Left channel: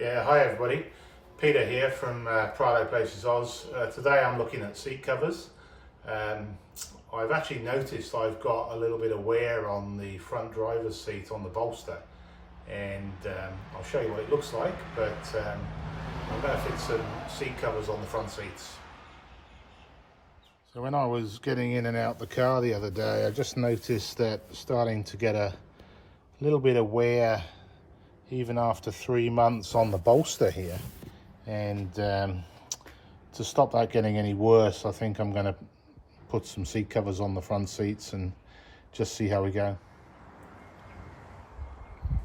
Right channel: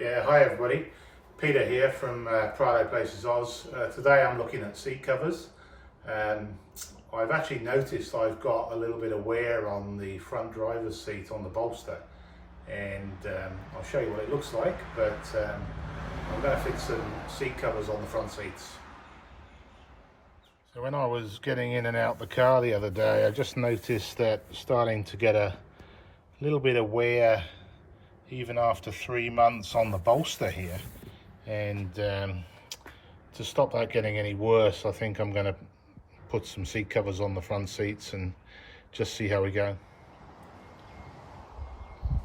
Yeah, hi everybody. Peter here from Prado Places Oz. Today I'm looking at seat covers. I've actually noticed I've got a little bit of wear on the front driver's seat on the bolster, and I'll show you what it looks like, but I'm going to fit some seat covers on the front seats. So when I was getting in and out the car the other day, I just noticed that starting to get a little bit of wear even after 3 months on the bolster here, and to stop that getting any worse, I think I'm going to put some seat covers on the front seats and just see how we go.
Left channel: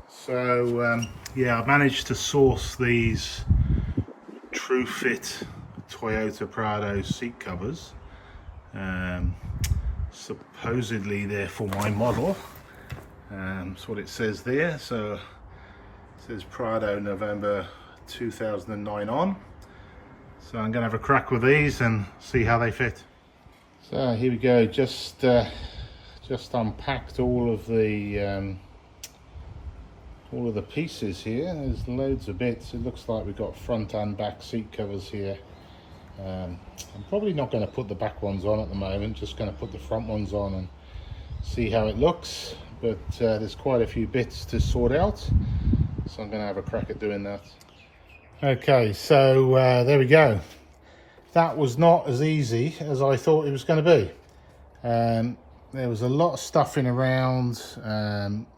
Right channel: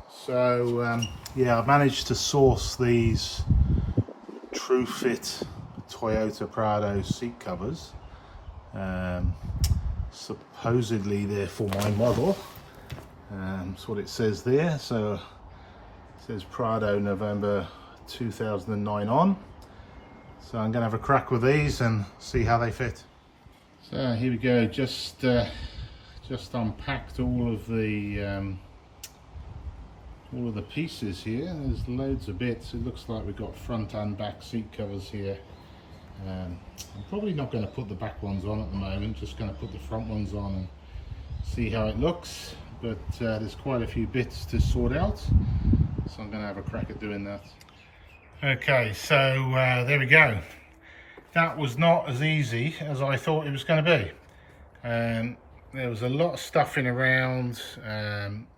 So yeah, I managed to source these True Fit Toyota Prado seat covers. Supposedly they're for my model. That's what it says there. So it says Prado November 2009 on. So I'm going to have a crack with these and see how they fit. So here we go. Just unpacked all of the pieces here. There's loads of bits. It looks like we've got front and back seat covers here. I'm probably not going to put the back ones on at the moment. Just going to put the front ones on and see how it looks. But there's quite a few bits to sort out, so I'm going to have a crack at doing that. Okay, so there we go. That was not as easy as I thought it was going to be. There was a lot of stuffing around.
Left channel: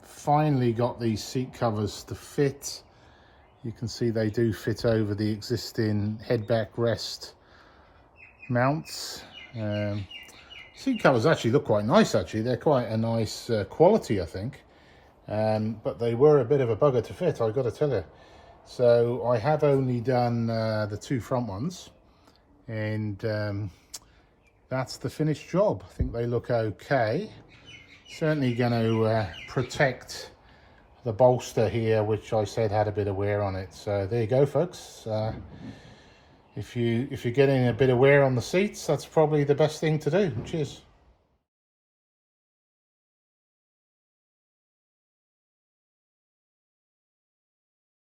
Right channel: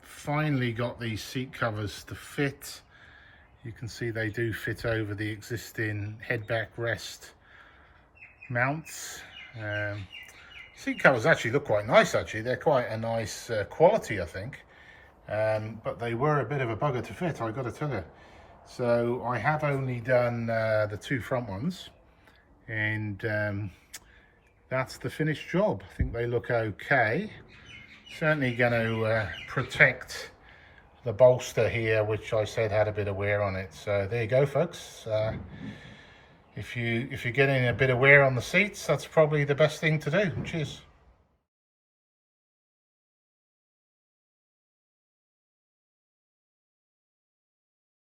Finally got these seat covers to fit. You can see they do fit over the existing head backrest mounts. Seat covers actually look quite nice. Actually, they're quite a nice quality, I think. But they were a bit of a bugger to fit, I've got to tell you. So I have only done the two front ones, and that's the finished job. I think they look okay. Certainly going to protect the bolster here, which I said had a bit of wear on it. So there you go, folks. If you're getting a bit of wear on the seats, that's probably the best thing to do. Cheers.